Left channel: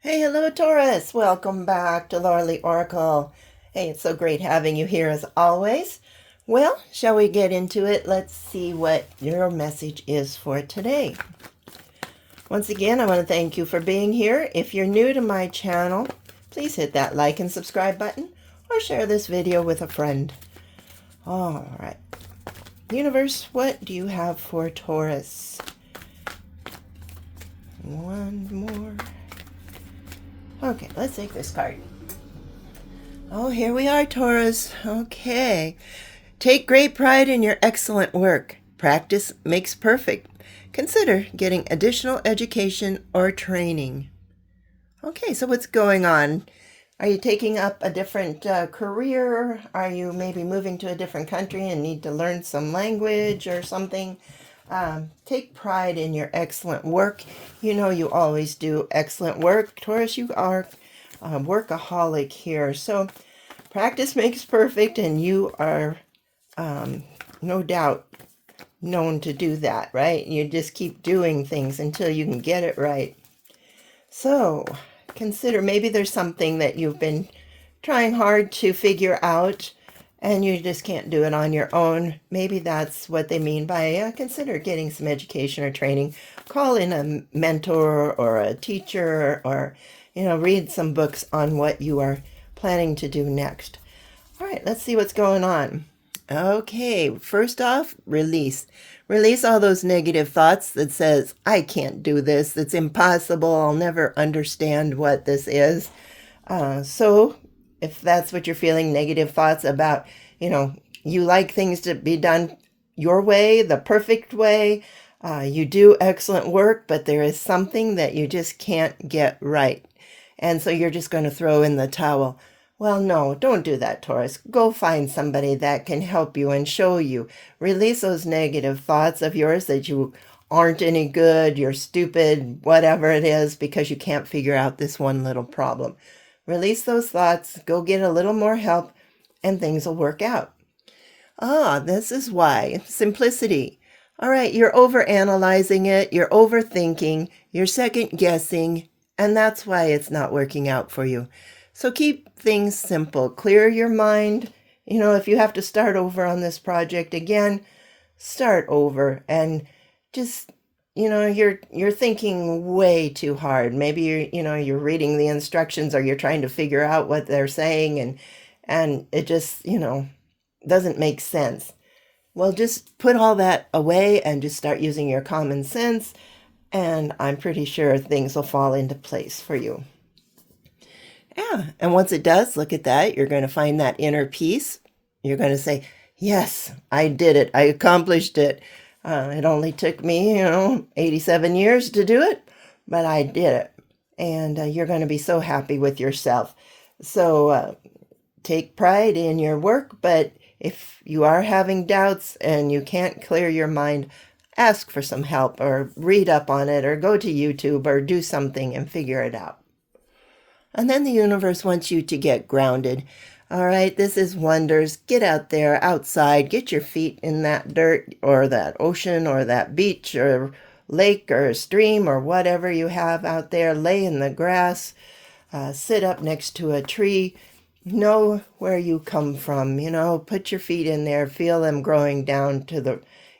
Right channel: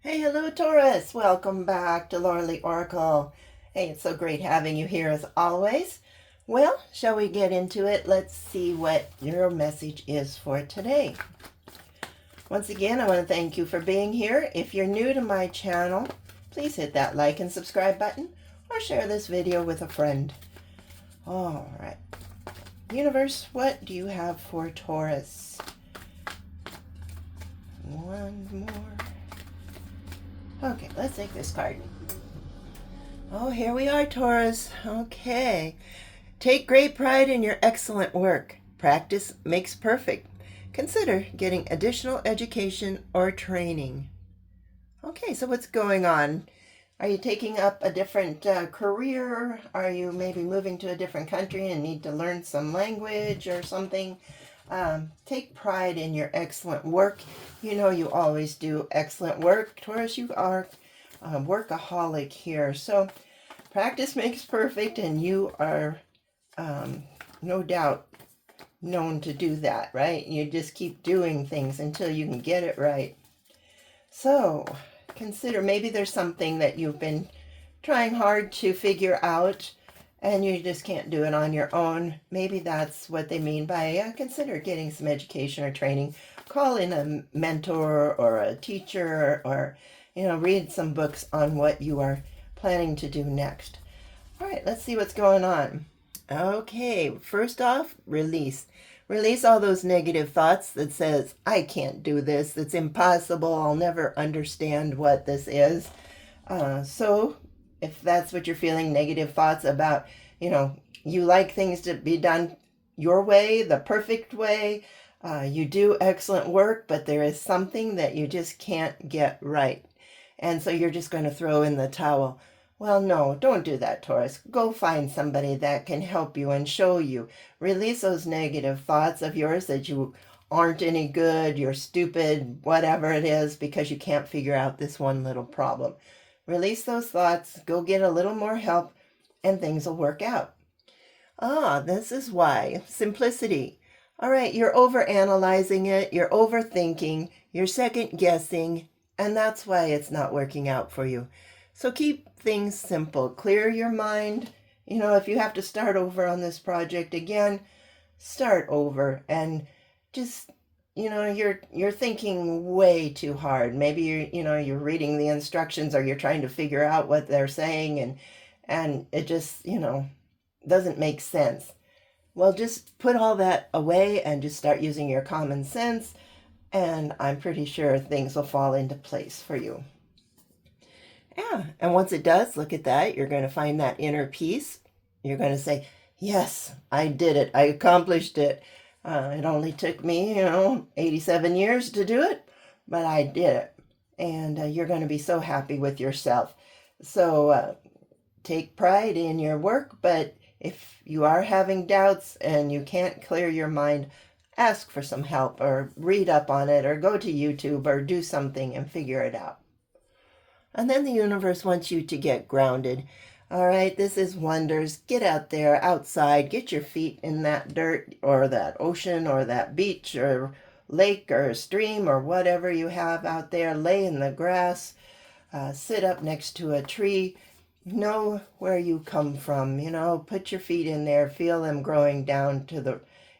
Hey, hello, Taurus. Welcome back to Lorelei Oracle. Hey, it's so great having you here as always. Well, shall we get into it? Let's see what your message is for today. Once again, I want to thank you for being here. If you're new to my channel, please hit that like and subscribe button or share this video with a friend. All right. Universe, what do you have for Taurus? One more. Okay, let's take this card. Oh, here we are, Taurus. Okay. Take great pride in your excellent work. Practice makes perfect. Consider getting additional education or training. Okay, so what's going on? Are you taking up a different career? Are you maybe moving to a different country and need to learn some language or something? Take pride in your excellent work. You know you always do excellent work. Taurus, you are a workaholic here. So practice makes perfect, and you are no doubt known to do that, right? You just keep doing things until you can get it right. So consider maybe there's something that you've been trying hard to figure out and you just can't do it on your own. Maybe that's what they mean by consider getting some education or training. Call in a mentor or a teacher, or read some books on what you are planning to do next. All right, let's see what's going on. Okay, first off, release. Release all those negative thoughts that says, I can't do this, it's impossible, I'll never understand what this is. So if that's what you're feeling, negative thoughts about, you like things to be done your way, the perfect way, you do excellent work, but there is something that you just can't get right. And so you're just going to throw in the towel. Well, no, don't do that, Taurus. Go find somebody that can help you and show you. Release those negative thoughts of yours that you aren't any good, you're stupid, whatever it is, because you can't figure out this one little problem. Release those thoughts, go get a little more help, and things will work out. This is why. Simplicity. All right, you're overanalyzing it, you're overthinking, you're second guessing, and that's why it's not working out for you. So keep things simple. Clear your mind. If you have to start over on this project again, start over and just you're thinking way too hard. Maybe you're reading the instructions or you're trying to figure out what they're saying and it just, doesn't make sense. Well, just put all that away and just start using your common sense, and I'm pretty sure things will fall into place for you. Yeah, and once it does, look at that. You're going to find that inner peace. You're going to say, yes, I did it. I accomplished it. It only took me, 87 years to do it, but I did it. And you're going to be so happy with yourself. So take pride in your work, but if you are having doubts and you can't clear your mind, ask for some help or read up on it or go to YouTube or do something and figure it out. And then the universe wants you to get grounded. All right, this is wonders. Get out there, outside, get your feet in that dirt or that ocean or that beach or lake or stream or whatever you have out there. Lay in the grass, sit up next to a tree. Know where you come from, put your feet in there, feel them growing down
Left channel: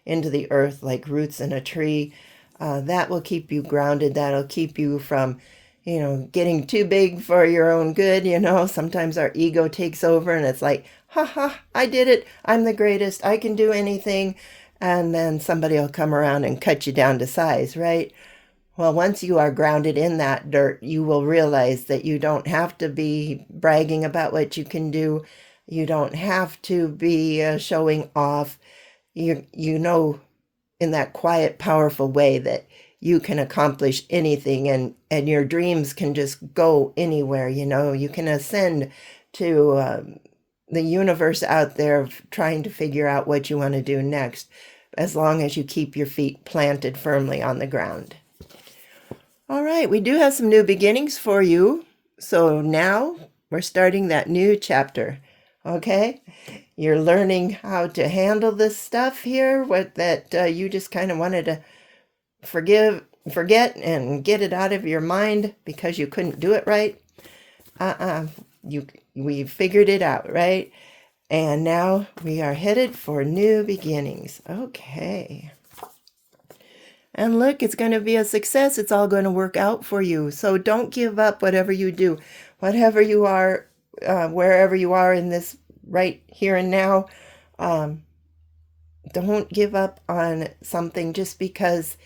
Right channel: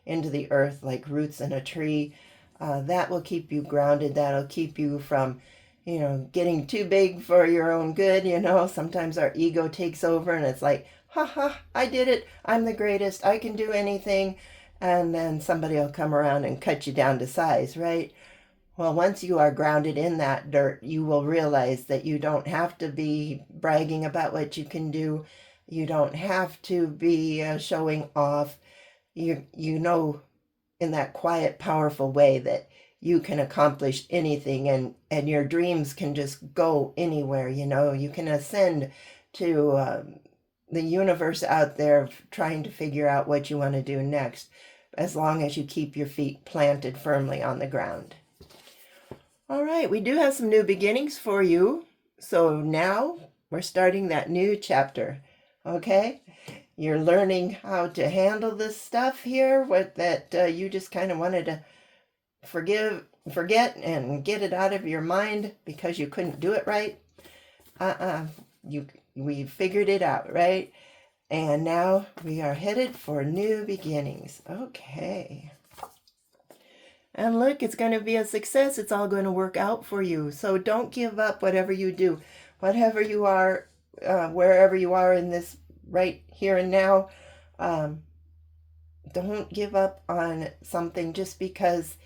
into the earth like roots in a tree. That will keep you grounded. That'll keep you from getting too big for your own good. Sometimes our ego takes over and it's like, ha ha, I did it. I'm the greatest. I can do anything. And then somebody will come around and cut you down to size, right? Well, once you are grounded in that dirt, you will realize that you don't have to be bragging about what you can do. You don't have to be showing off. You know in that quiet, powerful way that you can accomplish anything, and your dreams can just go anywhere. You can ascend to the universe out there trying to figure out what you want to do next, as long as you keep your feet planted firmly on the ground. All right, we do have some new beginnings for you. So now we're starting that new chapter, okay? You're learning how to handle this stuff here, that you just kind of wanted to forgive forget and get it out of your mind because you couldn't do it right. We figured it out, right? And now we are headed for new beginnings. Okay. And look, it's going to be a success. It's all going to work out for you. So don't give up whatever you do. Whatever you are, wherever you are in this right here and now, don't give up on something just because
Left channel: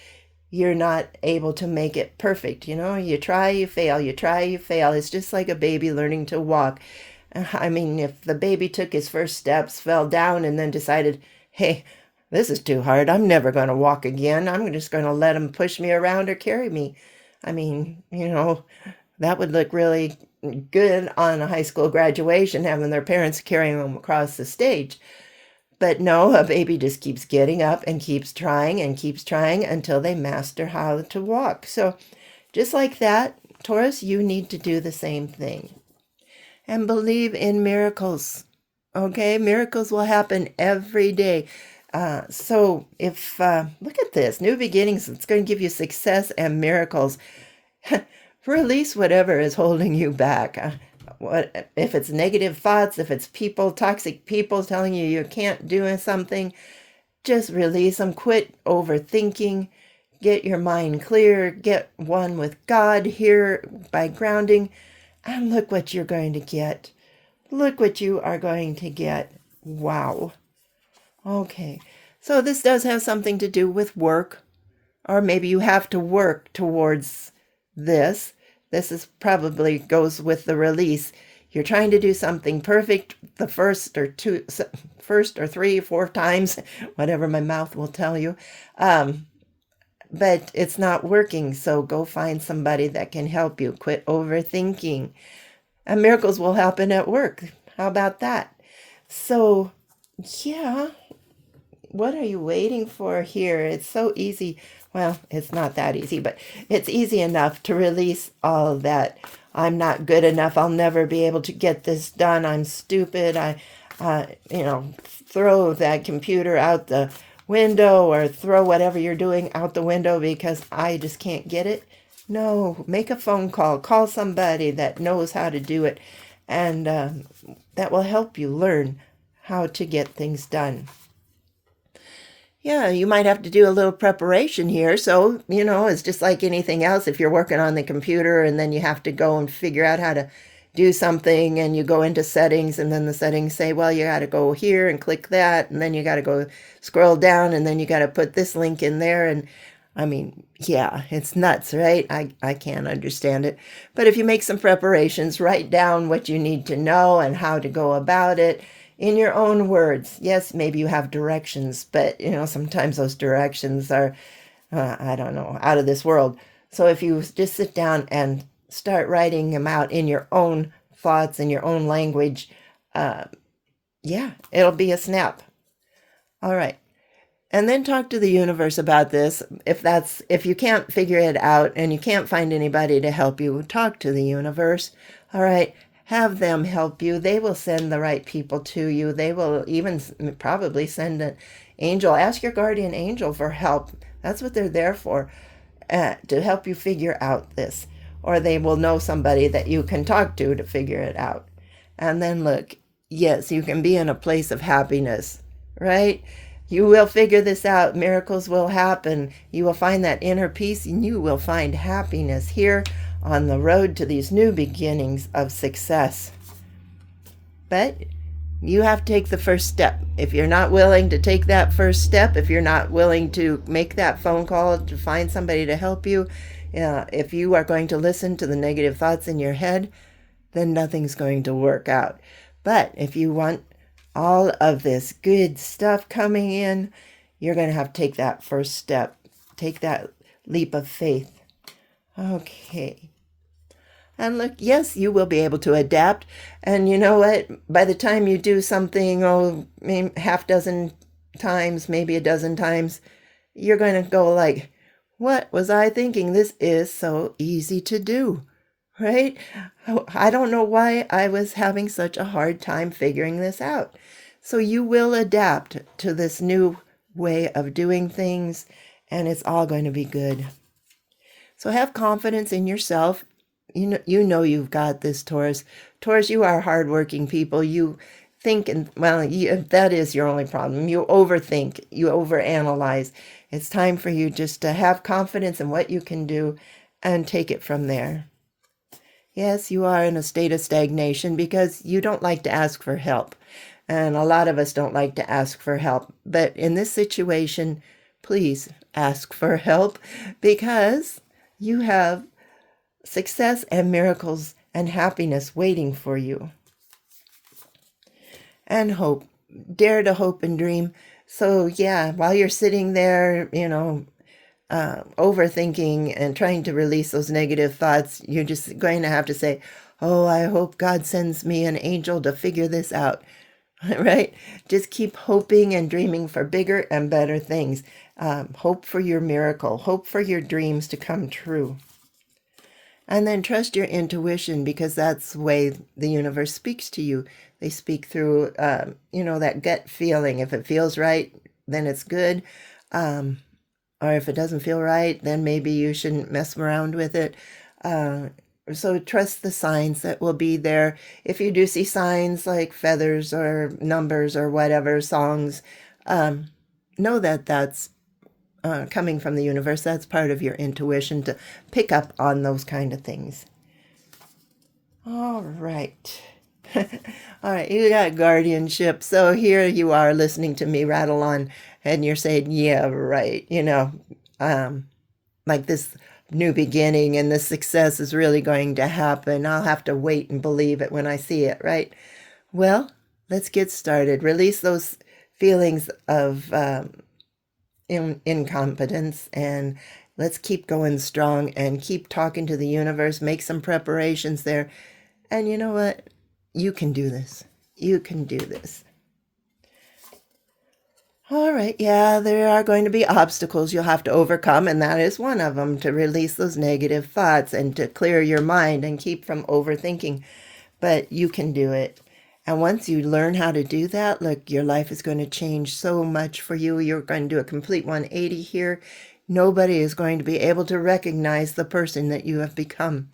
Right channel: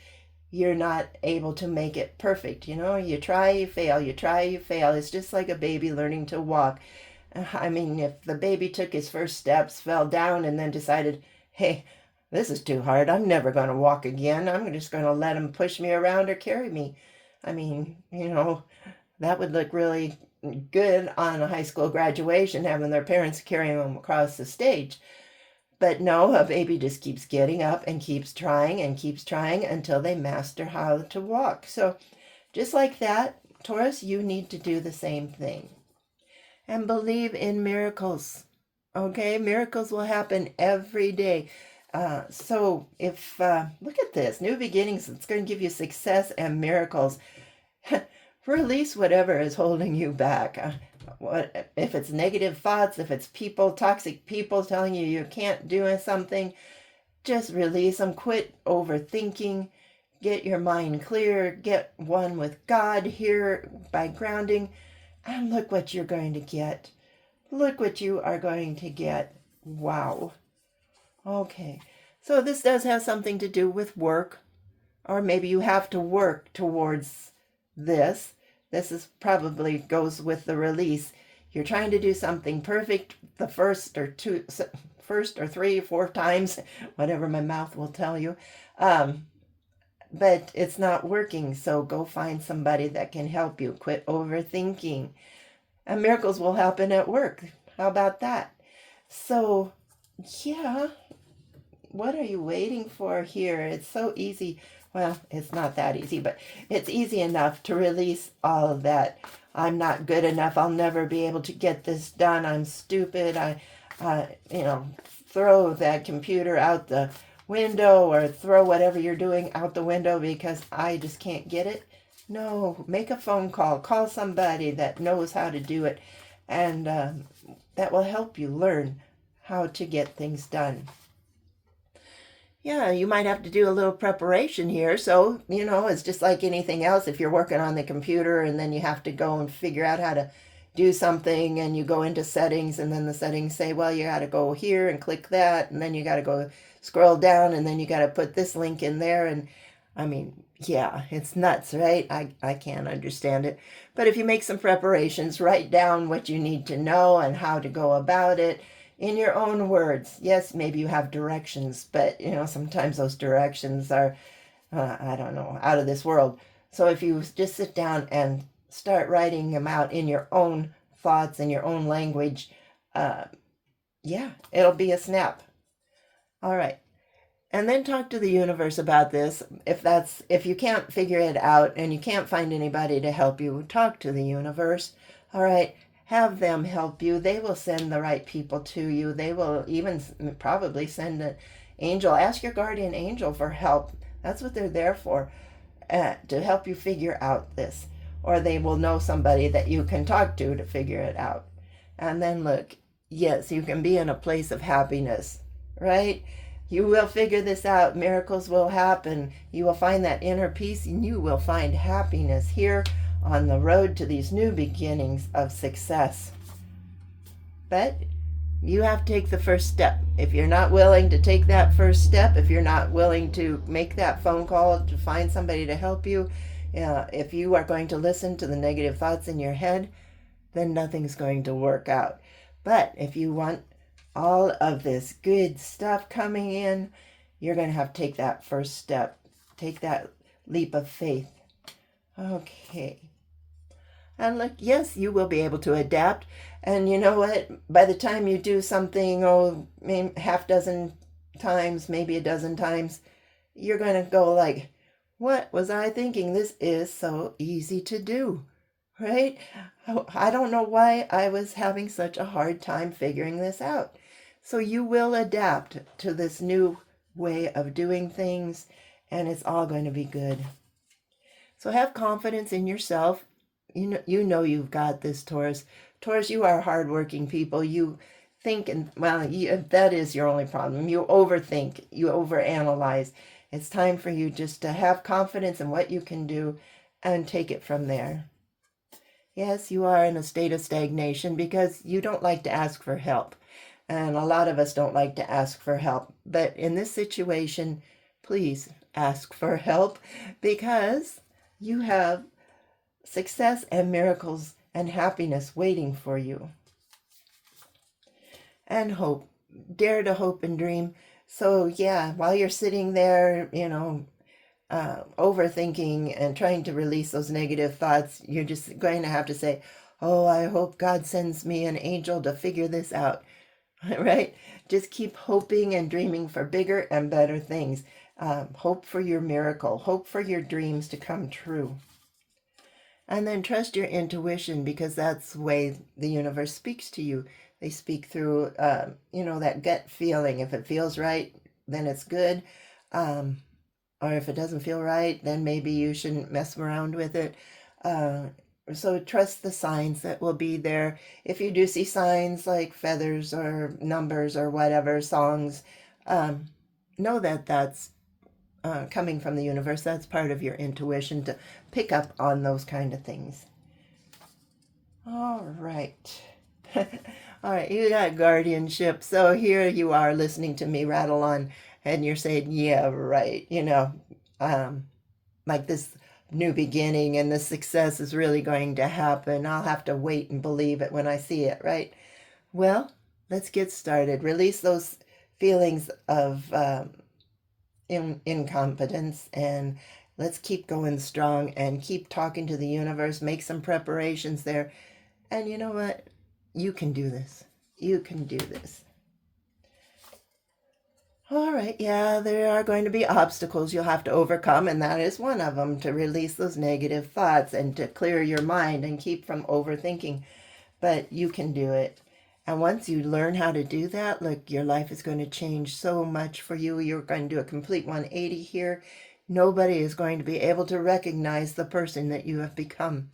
you're not able to make it perfect. You know, you try, you fail, you try, you fail. It's just like a baby learning to walk. I mean, if the baby took his first steps, fell down, and then decided, hey, this is too hard, I'm never going to walk again, I'm just going to let him push me around or carry me. I mean, you know, that would look really good on a high school graduation, having their parents carrying them across the stage. But no, a baby just keeps getting up and keeps trying until they master how to walk. So just like that, Taurus, you need to do the same thing. And believe in miracles. Okay, miracles will happen every day. So if, look at this, new beginnings, it's going to give you success and miracles. Release whatever is holding you back. What if it's negative thoughts, if it's people, toxic people telling you can't do something, just release them. Quit overthinking. Get your mind clear. Get one with God here by grounding. And look what you're going to get. Look what you are going to get. Wow. Okay. So this does have something to do with work. Or maybe you have to work towards this. This is probably goes with the release. You're trying to do something perfect the first or 3 or 4 times, whatever my mouth will tell you. But it's not working. So go find somebody that can help you. Quit overthinking. And miracles will happen at work. How about that? So, yeah. What are you waiting for here? It's so easy. Well, it's not that easy, but it's easy enough to release all of that. I'm not good enough. I'll never be able to get this done. I'm stupid. Throw that computer out the window or throw whatever you're doing out the window because I just can't get it. No, make a phone call. Call somebody that knows how to do it, and that will help you learn how to get things done. Yeah, you might have to do a little preparation here. So, it's just like anything else. If you're working on the computer and then you have to go and figure out how to do something and you go into settings and then the settings say, well, you got to go here and click that. And then you got to go scroll down and then you got to put this link in there. And I mean, yeah, it's nuts, right? I can't understand it. But if you make some preparations, write down what you need to know and how to go about it. In your own words. Yes, maybe you have directions, but sometimes those directions are, I don't know, out of this world. So if you just sit down and start writing them out in your own thoughts, in your own language, it'll be a snap. All right. And then talk to the universe about this. If you can't figure it out and you can't find anybody to help you, talk to the universe. All right. Have them help you. They will send the right people to you. They will even probably send an angel. Ask your guardian angel for help. That's what they're there for, to help you figure out this. Or they will know somebody that you can talk to figure it out. And then look, yes, you can be in a place of happiness, right? You will figure this out. Miracles will happen. You will find that inner peace and you will find happiness here on the road to these new beginnings of success. But you have to take the first step. If you're not willing to take that first step, if you're not willing to make that phone call to find somebody to help you, if you are going to listen to the negative thoughts in your head, then nothing's going to work out. But if you want all of this good stuff coming in, you're going to have to take that first step. Take that leap of faith. Okay. And look, yes, you will be able to adapt. And you know what? By the time you do something, maybe half dozen times, maybe a dozen times, you're going to go like, what was I thinking? This is so easy to do, right? I don't know why I was having such a hard time figuring this out. So you will adapt to this new way of doing things, and it's all going to be good. So have confidence in yourself. You know you've got this, Taurus. Taurus, you are hardworking people. You think, and well, that is your only problem. You overthink, you overanalyze. It's time for you just to have confidence in what you can do and take it from there. Yes, you are in a state of stagnation because you don't like to ask for help. And a lot of us don't like to ask for help. But in this situation, please ask for help because you have success and miracles and happiness waiting for you. And hope. Dare to hope and dream. So yeah, while you're sitting there, overthinking and trying to release those negative thoughts, you're just going to have to say, oh, I hope God sends me an angel to figure this out. Right? Just keep hoping and dreaming for bigger and better things. Hope for your miracle. Hope for your dreams to come true. And then trust your intuition because that's the way the universe speaks to you. They speak through, that gut feeling. If it feels right, then it's good. Or if it doesn't feel right, then maybe you shouldn't mess around with it. So trust the signs that will be there. If you do see signs like feathers or numbers or whatever, songs, know that that's coming from the universe. That's part of your intuition to pick up on those kind of things. All right. All right, you got guardianship. So here you are listening to me rattle on and you're saying, yeah, right. Like this new beginning and this success is really going to happen. I'll have to wait and believe it when I see it, right? Well, let's get started. Release those feelings of incompetence and let's keep going strong and keep talking to the universe. Make some preparations there. And you know what? You can do this. You can do this. All right, yeah, there are going to be obstacles you'll have to overcome, and that is one of them, to release those negative thoughts and to clear your mind and keep from overthinking. But you can do it. And once you learn how to do that, look, your life is going to change so much for you. You're going to do a complete 180 here. Nobody is going to be able to recognize the person that you have become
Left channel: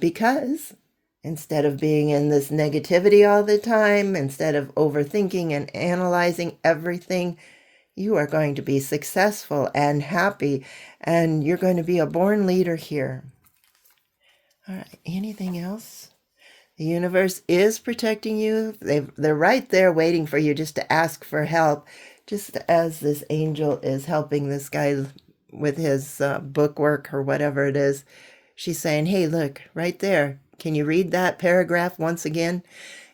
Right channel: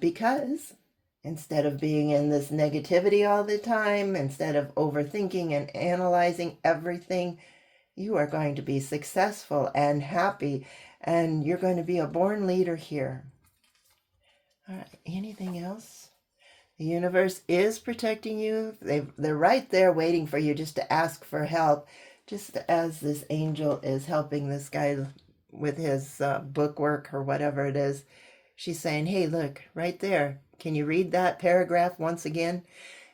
because instead of being in this negativity all the time, instead of overthinking and analyzing everything, you are going to be successful and happy, and you're going to be a born leader here. All right, anything else? The universe is protecting you. They're right there waiting for you just to ask for help, just as this angel is helping this guy with his book work or whatever it is. She's saying, hey, look, right there. Can you read that paragraph once again?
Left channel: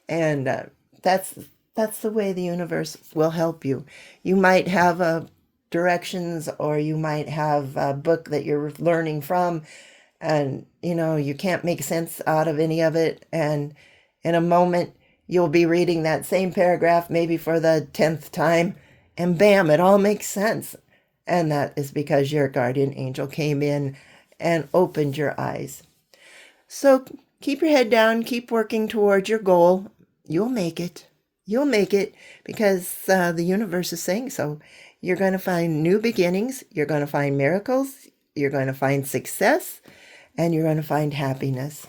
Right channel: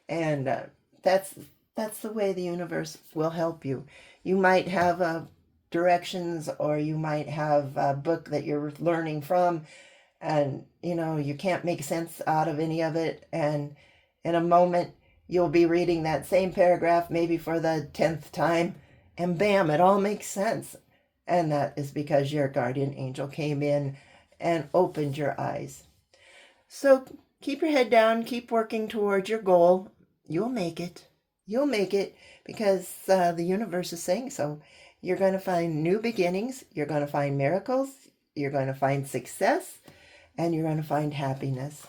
And that's the way the universe will help you. You might have directions, or you might have a book that you're learning from, and you can't make sense out of any of it. And in a moment, you'll be reading that same paragraph maybe for the 10th time, and bam, it all makes sense. And that is because your guardian angel came in and opened your eyes. So keep your head down, keep working towards your goal. You'll make it. You'll make it because the universe is saying so. You're going to find new beginnings. You're going to find miracles. You're going to find success. And you're going to find happiness.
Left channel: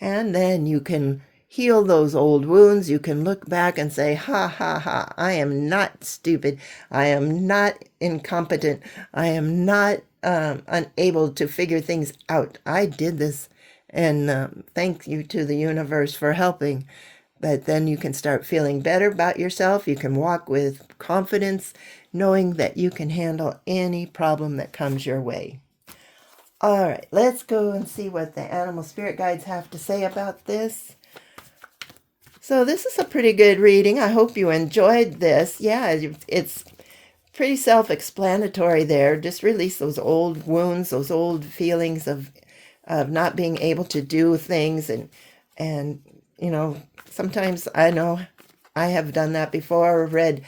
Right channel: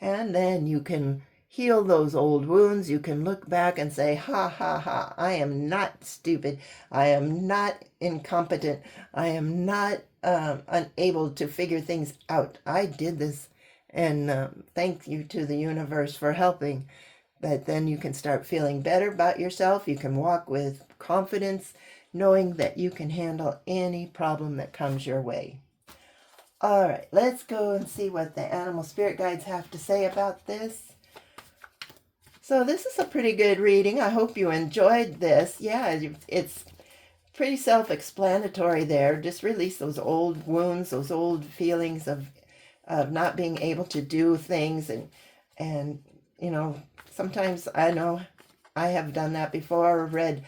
And then you can heal those old wounds. You can look back and say, ha, ha, ha, I am not stupid. I am not incompetent. I am not unable to figure things out. I did this. And thank you to the universe for helping. But then you can start feeling better about yourself. You can walk with confidence, knowing that you can handle any problem that comes your way. All right, let's go and see what the animal spirit guides have to say about this. So this is a pretty good reading. I hope you enjoyed this. Yeah, it's pretty self-explanatory there. Just release those old wounds, those old feelings of not being able to do things. And sometimes I know I have done that before, read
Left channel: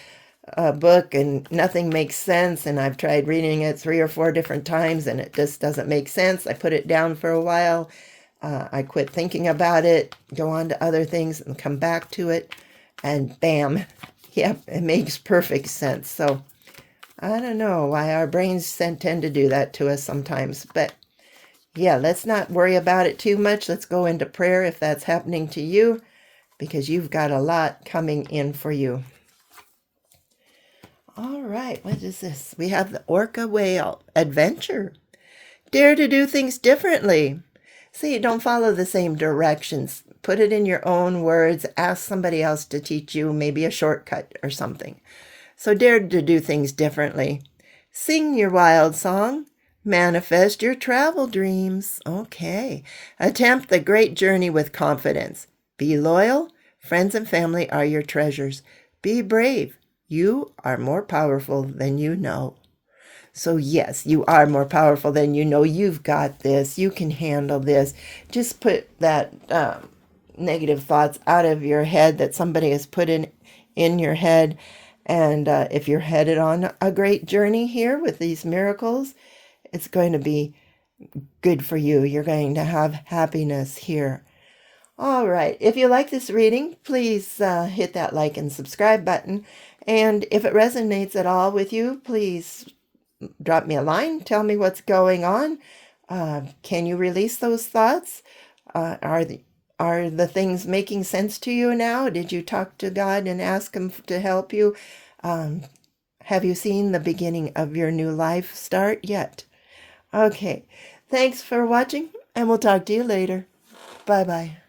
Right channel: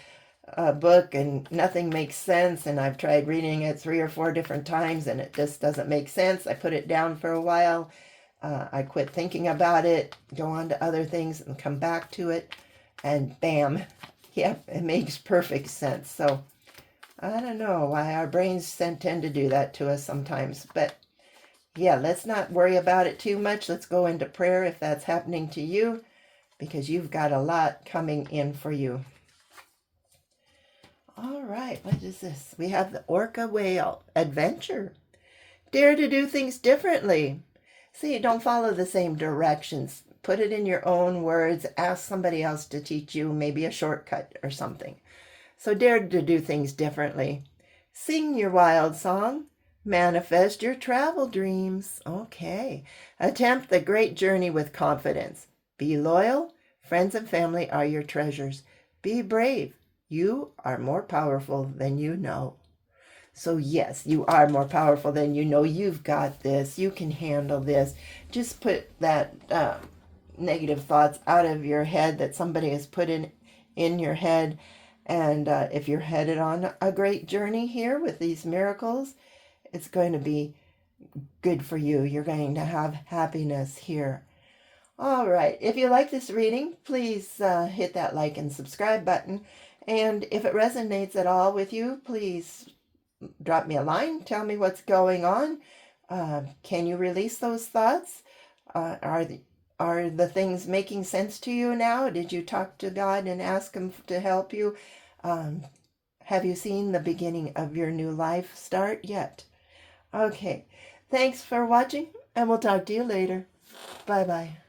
a book and nothing makes sense, and I've tried reading it 3 or 4 different times and it just doesn't make sense. I put it down for a while. I quit thinking about it, go on to other things and come back to it, and bam, yep, it makes perfect sense. So I don't know why our brains tend to do that to us sometimes. But yeah, let's not worry about it too much. Let's go into prayer if that's happening to you, because you've got a lot coming in for you. All right, what is this? We have the orca whale adventure. Dare to do things differently. See, don't follow the same directions. Put it in your own words. Ask somebody else to teach you maybe a shortcut or something. So dare to do things differently. Sing your wild song. Manifest your travel dreams. Okay. Attempt the great journey with confidence. Be loyal. Friends and family are your treasures. Be brave. You are more powerful than you know. So yes, you are more powerful than you know. You've got this. You can handle this. Just put that negative thoughts out of your head that somebody has put in your head. And if you're headed on a great journey here with these miracles, it's going to be good for you. You're going to have happiness here. All right. If you like this reading, please hit that like and subscribe button. And if it resonates at all with you, please drop me a line. Tell me what's going on. Can you release those thoughts? Are the things making sense to you now? Did you talk to God and ask Him to help you? Have you seen the beginning of your new life start yet? Okay. Thanks for watching, and we'll talk to you later. Bye-bye.